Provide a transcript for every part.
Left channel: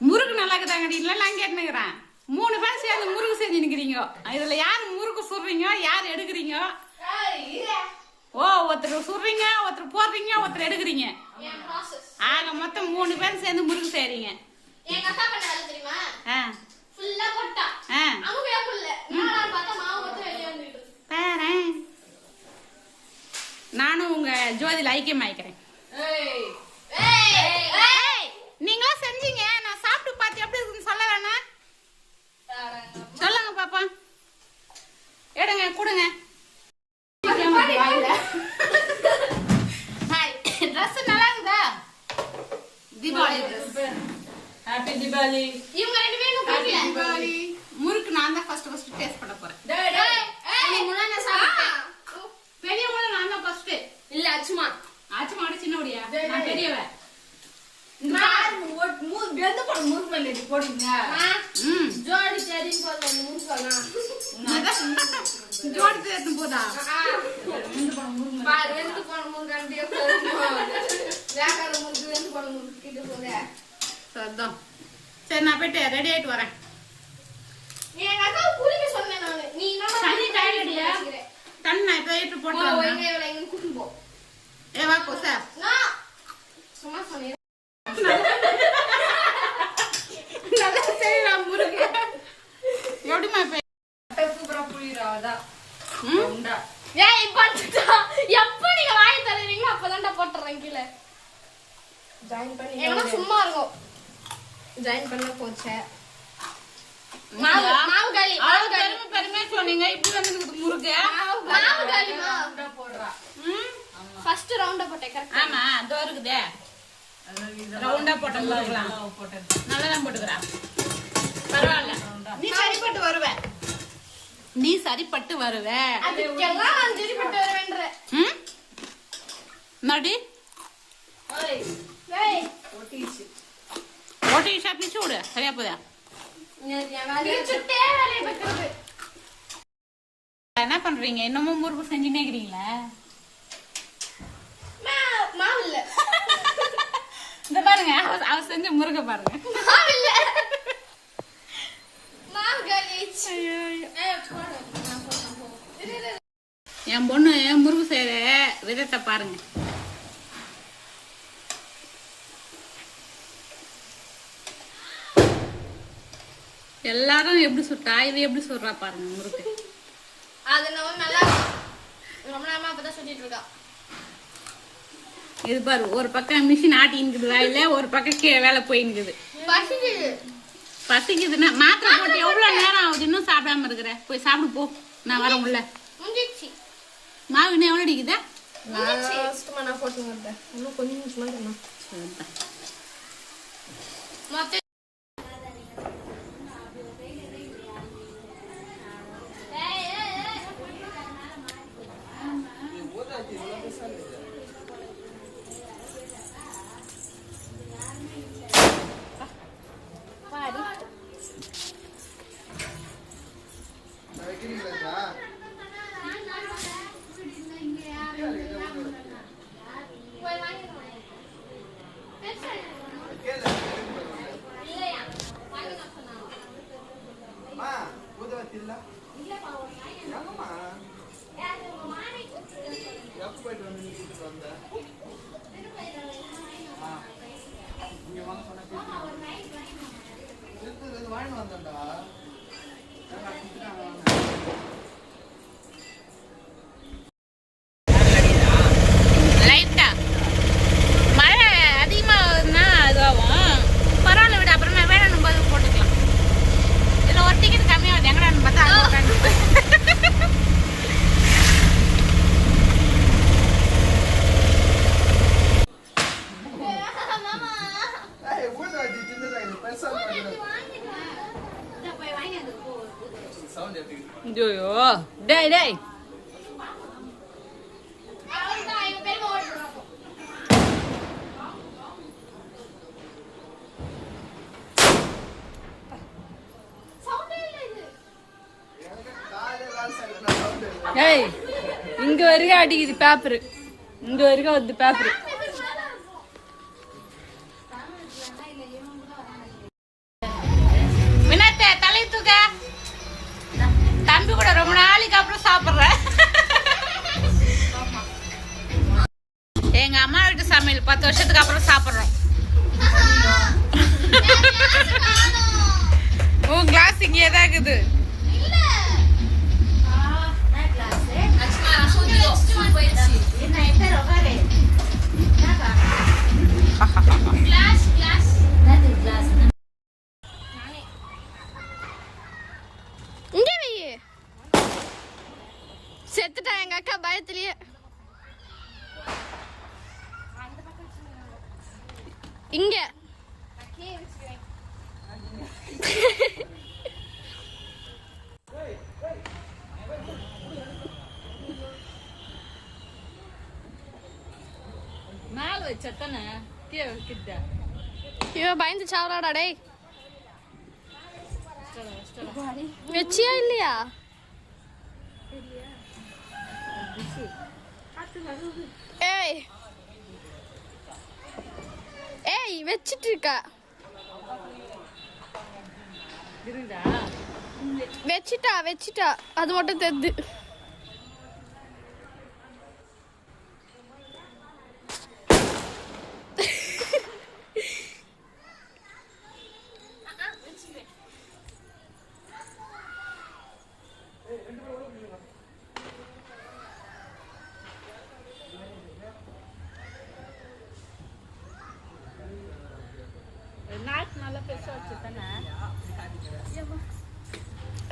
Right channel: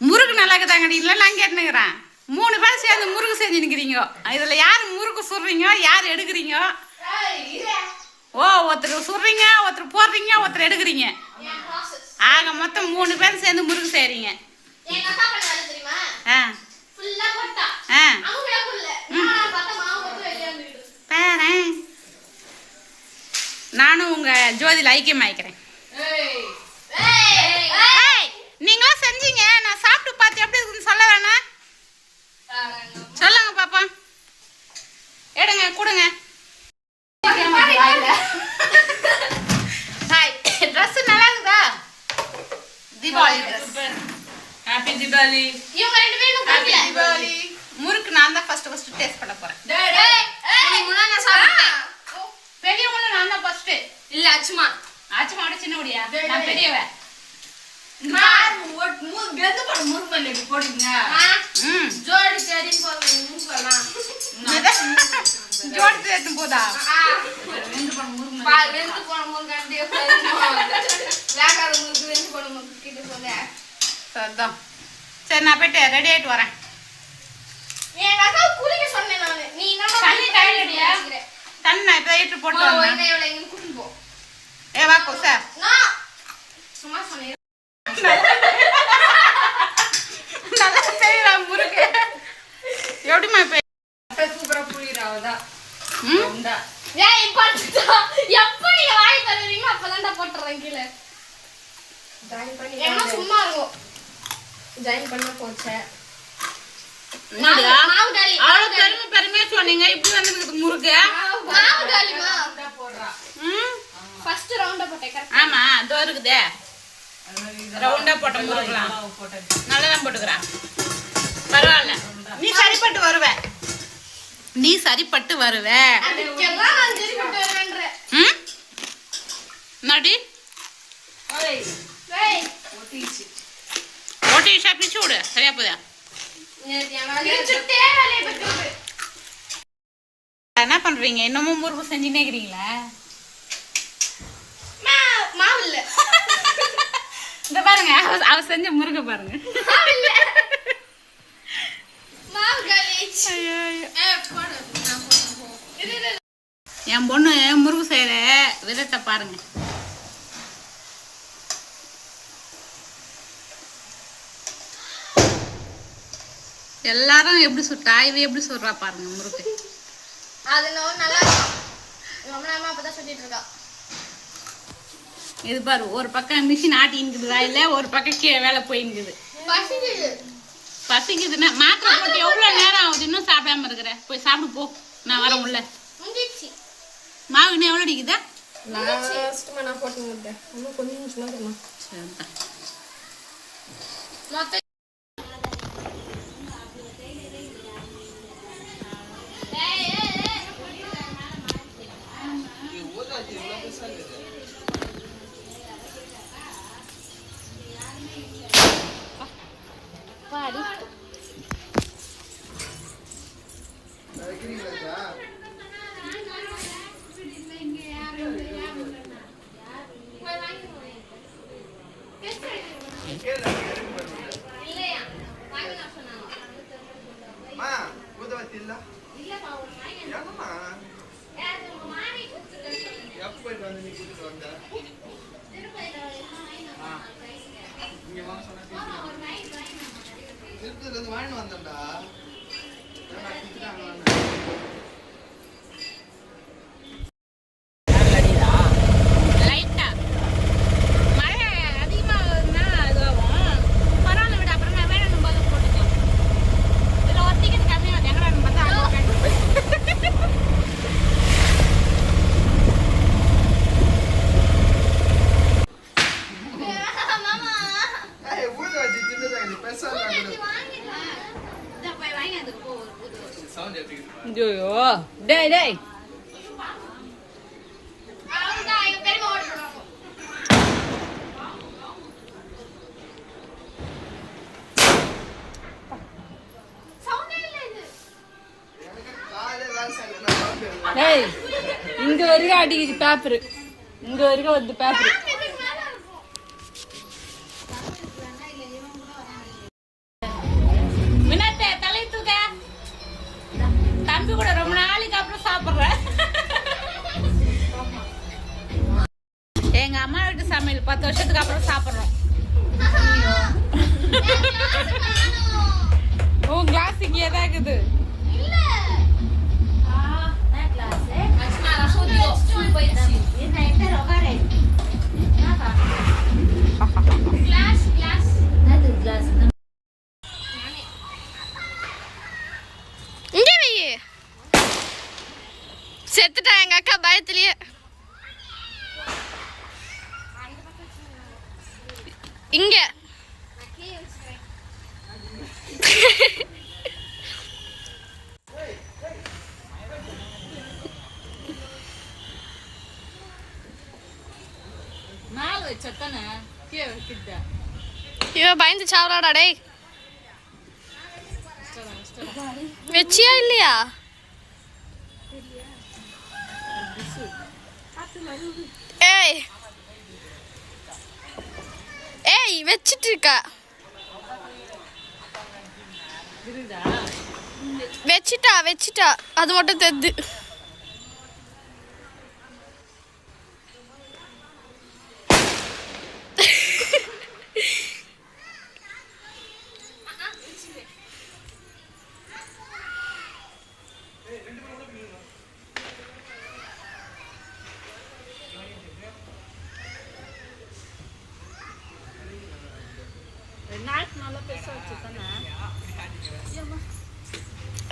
முறுக்கு நல்லா இருக்குதாங்கடி. இல்லை நான் கேட்டுனுக்குறேன் மூணு பேர் சேர்ந்து முறுக்கு செஞ்சு நிற்கிறீங்க இதில் யார் முறுக்கு சுடுறீங்க? யார் எடுக்கிறீங்க? ஓ ஒருத்தர் சுடுறீங்க ஒருத்தர் போடுறீங்க ஒருத்தர் எடுக்கிறீங்க. ஆக மொத்தம் மூணு பேர் சேர்ந்து முறுக்கு செய்கிறீங்க? ஆ. ஆ. நானும் உங்கள் ஜோதியில் ஐக்கியமாயிக்கிறேன் ஏய், ஏய். ஏய் நீங்களாம் செஞ்சீங்க நான் சாப்பிட்டு பார்த்து எப்படி இருக்குன்னு சொல்ல வேணாம் சொல்லுங்க பாப்பா எடுங்க கொடுங்க ஹாய் ட்ரெஸ் நல்லா இருக்குதா தீபாவளி ட்ரெஸ் ஹாப்பி தீபாவளி இவங்க ரெண்டு பேரும் குடிக்கல. தீபாவளி முறுக்கு நான் தான் ஃபர்ஸ்ட் ஃபர்ஸ்ட் டேஸ்ட் பண்ண போறேன். ஏய், ஏய். நான் சாப்பிட்டேன். பெரியவங்க நான் தான் ஃபர்ஸ்ட் இல்ல அச்சுமா. ஆச்சு மாட சின்ன முடியா நான் பெரியவ ஜோடி முறுக்கெல்லாம். ஜோடி தேட்டும் போதா? ரெண்டு பணம். வேகாத முறுக்கு, வெந்து போன முறுக்கு கிட்ட போகுது. அதான் சரி நான் போயிட்டு ரெடி ஆயிட்டு வரேன். எங்க குளிக்க சொன்னேன் நானு. நீ என்னடா தண்ணி? வச்சுக்கிற? தண்ணி நான் இப்போ ஏற்று போட்டு வரேன் போ. ஏ வா சும்மா சொன்னேன் நல்லா செய்யலாம் முறுக்கு எப்படிம்மா இப்போ? சூப்பரா புரியுறா அவதான். ம்? உண்டா. ஏய் பட்டுட்டா எப்ப நீங்க வாங்கி தருவீங்களோ அப்பதான்டா போட்டுறேன் கீழே. சும்மா இருக்கும். ஜாயின் பண்ண போச்சே. மாவு நீங்களா? மாவு காலி அவ்வளோ பெருமை பெருமையா சொன்னீங்க. இப்படி வந்துருக்குது முறுக்கு மாவு காலிமா உண்டா போடுறா ம்? ஃபர்ஸ்ட் ரவுண்ட போட்டேன் கரெக்ட் ஆமா அதோ இருக்குதே. ரவுண்டா போட்ட முறுக்கலாம் நல்லா தான் போட்டுக்கிறேன். பரவாயில்ல. நீ சரிப்பட்டு வருவ. நீ சரிப்பட்டு வருவ. அதுக்கெல்லாம் நான் திருப்பிட்டு வருவேன்ற. ம்? நடி ஓய் ஏய் ஒட்டிச்சு சரியா போதா பிரிச்சுட்டே வேலையை பத்தி என்ன பண்றீங்க? இன்னமும் முறுக்கு செஞ்சுனே இருக்கிறீங்களா? மாவு இல்ல இந்த பாருங்க அவ செஞ்ச முறுக்க பாருங்க. என் பொண்ணு முறுக்கு செய்யற விதத்தை பாருங்க. எல்லாரும் எப்படி சுட்டா இவ எப்படி சுடுறா பாருங்க முறுக்கு. அது நல்லா இருக்கா. இது பாரு ஒரு பக்கம் மிஷின் ஆட்டின்னுக்குதுதா இல்ல ஒரு பக்கம் கீழே வேலை போயின்னுக்குது பசிக்குது. பசிக்குதுன்னா மாத்திரை போட்டு எவ்வளவு நேரம் ஆகுது இன்னும் சாப்பிடாம இருக்கிற? போய் சாப்பிடு போ. நான் வரேன் உள்ள மாவு இன்னும் எவ்வளோ அடிக்குதா? லாஸ்ட்டுமா நான் போட்டு முடிட்டேன் இன்னும் கொஞ்சம் சும்மா இருக்குமா சரிதான் மொத்த ஏய் ஏய் ஏய் போய் வாங்கிட்டு வாங்க. Test எடுக்கணும். இல்லையா? வாங்கி நான் சொன்னாங்க. அம்மா ஊதுவத்தி இல்ல இல்லப்பா, ஒரு வாங்கி ஏங்கம்மா யாரு உங்க மாமி கொடுத்துருக்காங்க. எப்ப போயிட்டு வந்து நீ கூட்டிட்டு வந்த திருப்பதியில எல்லாம் வாங்கி ஆ. இங்க வாங்க சொன்னா ஆமா, ஒரு night வாங்கி திருப்பதில இருந்து வாங்கிட்டு வந்தேன்டா ஏன்டா குடுத்துட்டாங்க லைட்டா மழை அதிகமாகுதுன்னா அதுவாகும் பரவாயில்ல விட அப்புறமா வேணும் போது போட்டுக்கலாம் இதில் ஒரு டிக்கெட் கம்மியாகுது எங்கடான்னு பார்த்தா அங்க உட்காந்து மாமா ஏய் ஊதுவத்தி தின்னுடா நீ பேசாத வாங்கிடுவேன். இதோ போய் வாங்கி வந்து போ. சவுண்ட் எடுத்துக்கிட்டு ஐயோ டேய் டேய் அவ்வளவுதான், எங்க பெரியம்மா ஓடிடுவாங்க. Sound ஏ இல்ல இது. எனக்கு காலே வேலை செய்யல டேய் டேய் ஏய் இங்க வரைக்கும் அடிக்குது பேப்பர் இங்க வரைக்கும் வந்து பேப்பர் இதுக்கு தலை தூக்க தம்பி கூட ரொம்ப நாளைக்கு அப்புறம் சாப்பிட்றேன் எங்க அம்மா வீட்டு சமையல் பத்து வருஷத்துக்கு அப்புறம் சாப்பிட்றோம். உன் கிளாஸ் இங்கே தான் இருக்குது. போயிடுச்சு. அக்கா பயத்திலேயே. இங்க. இவ பயந்து சாவலாடா டேய். வச்சியா இல்லையா? ஏய். ஏய் வச்சிட்டு இருக்கா வச்சிட்டா வச்சிட்டா. அது மட்டும் தெரிது.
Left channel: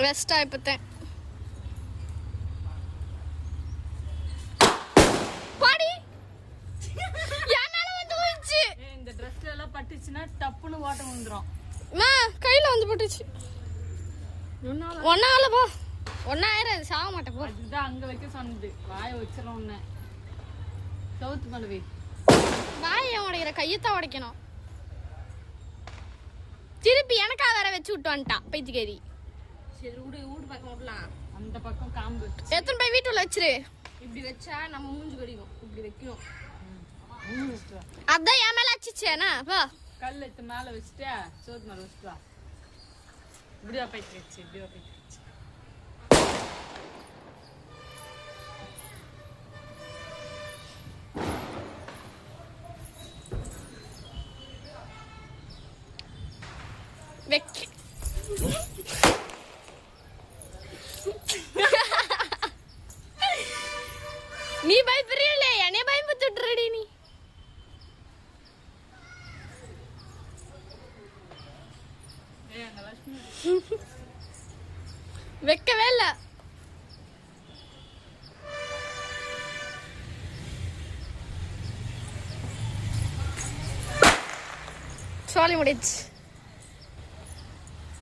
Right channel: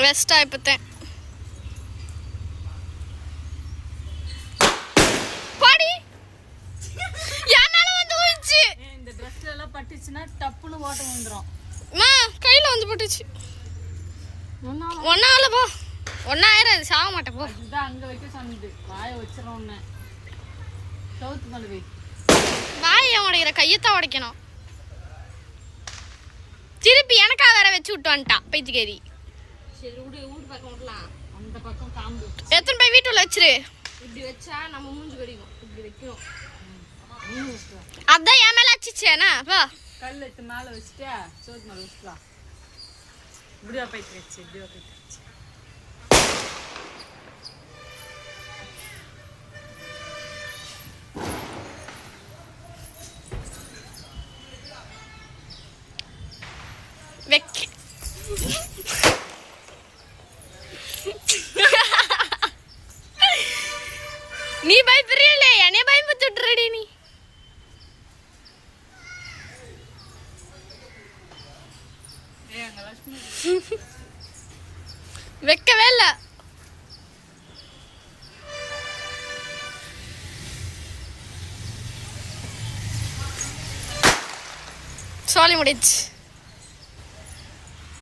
வெஸ்டா இப்பத்தேன் பாடி. என்னால வந்து போயிடுச்சு. இந்த ட்ரெஸ்ல எல்லாம் பட்டுச்சுன்னா டப்புன்னு ஓட்டம் வந்துடும் அம்மா கையில வந்து போட்டுச்சு. ஒன்னால. போ. ஒன்னாயிரம் அது சாக மாட்டேன் போ. அங்க வைக்க சொன்னது. வாயை வச்சிடறோம் உன்னை. சவுத்து வை. வாய் உடைக்கிற? கையத்தான் உடைக்கணும். திருப்பி எனக்கா வேற வச்சு விட்டு வந்துட்டான் காம்பு. எத்தனை போய் வீட்டுல வச்சிரு? இப்படி வச்சா நம்ம மூஞ்சி இப்படி வச்சுட்டா அதான் என் மேல அச்சிச்சேனா வா. கல் எடுத்து மேல வச்சுட்டா சோத்து மேல வச்சுட்டா இப்படியா போயிட்டு வச்சு இப்படியா போயிட்டு வைக்கவே இல்ல சாலி முடிச்சு